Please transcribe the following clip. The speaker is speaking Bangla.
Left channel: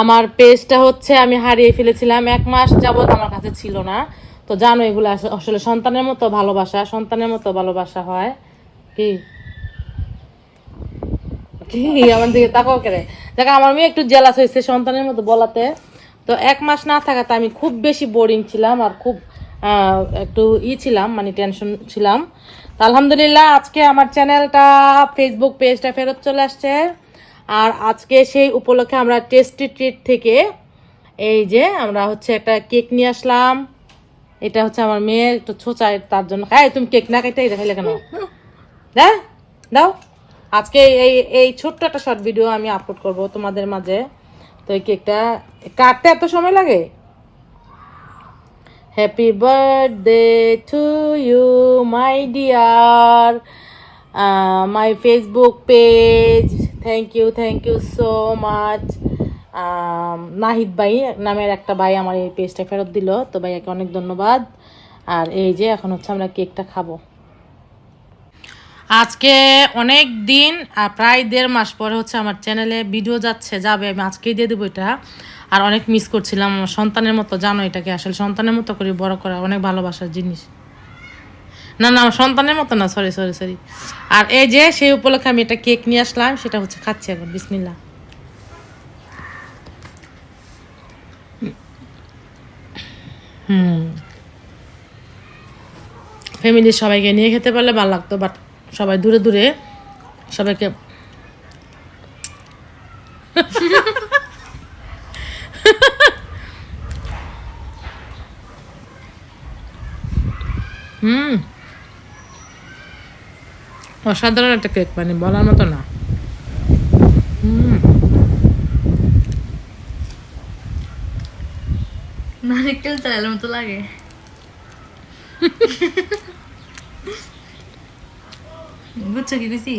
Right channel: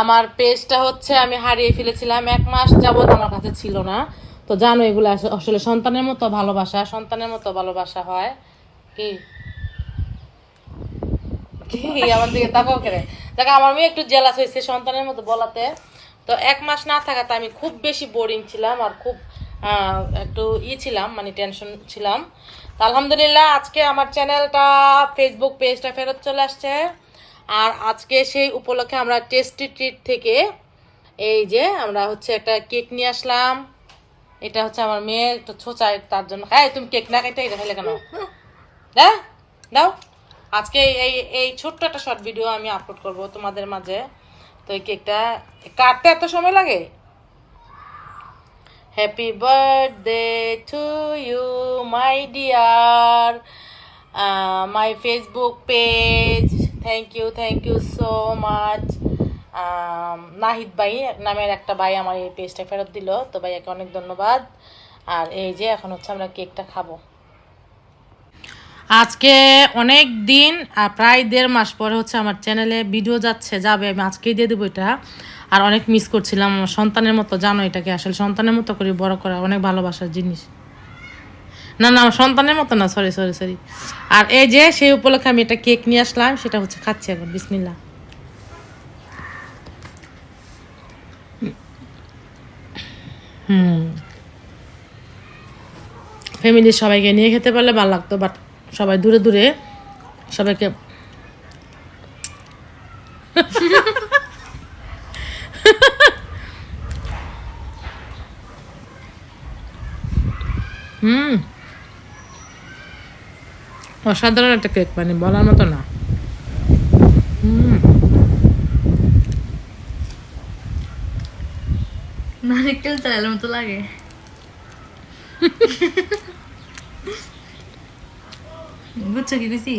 আমার পেজটা হচ্ছে আমি হারিয়ে ফেলেছিলাম, 1 মাস যাবত আমার কাছে ছিল না। তো জানো এগুলো আসলে সন্তানের মতো ভালোবাসা হয়। কি কি আমার দিকে তাকাও কেন? দেখ আমার মেয়ে একটু জেলাস হয়েছে সন্তানের মতো বলাতে। তো 1 মাস না থাকাতে আমি খুব বেশি বোরিং ছিলাম আর খুব একটু ছিলাম, মানে টেনশন ছিলাম। তো আলহামদুলিল্লাহ আজকে আমার চ্যানেলটা, ফেসবুক পেজটা ফেরত চলে আসছে। আর আজকে সেই উপলক্ষে আমরা টেস্টি ট্রিট থেকে এই যে আমরা হচ্ছে একটা কেক নিয়ে আসলাম। এটা হচ্ছে আমার মেয়ের একটু ছোচায়, তার জন্য। হ্যাঁ, তুমি কেক না কেটে এটা খেলে কেন? হ্যাঁ, দাও। আজকে এই এই ছোট্ট একটা শর্ট ভিডিও আমি আপলোড করব তোমাদের মাঝে। তো এই কেকটা কাটতে এত সময় লাগে? Happy birthday to you my dear, my Facebook page. Thank you so much. Nahid ভাই নামের একটা ভাই আমার এই পেজটা ফেরত দিল, তো ভাইয়াকে অনেক ধন্যবাদ। আর এই যে এখন হচ্ছে আমরা কেকটা খাবো। আজকে অনেক দিন, প্রায় 1.5 মাস পরে হচ্ছে আমার চ্যানেলে ভিডিও যাবে, আমি আজকেই দিয়ে দেবো এটা। আর অনেক মিস করছিলাম আমার সন্তানের মতো, জানো এটাকে আসলে সন্তানের মতো করে বড় করা অনেক ভালোবাসার জিনিস। না না, আমার সন্তানের মতো না, সরি। আর এই যে সেই উপলক্ষে আমি একটা কেক নিয়ে আসলাম, সেটা হচ্ছে খাচ্ছি এখন। বিসমিল্লাহ। ফ্যামিলির সবাইকে নিয়ে খেতে পারলে ভালো লাগতো, বাট সবাই দূরে দূরে, সবাইকে অসাধারণ একটা কেক, মানে বলার মতো না। নারকেল চালের মতো লাগে। বুঝছো কি বেশি?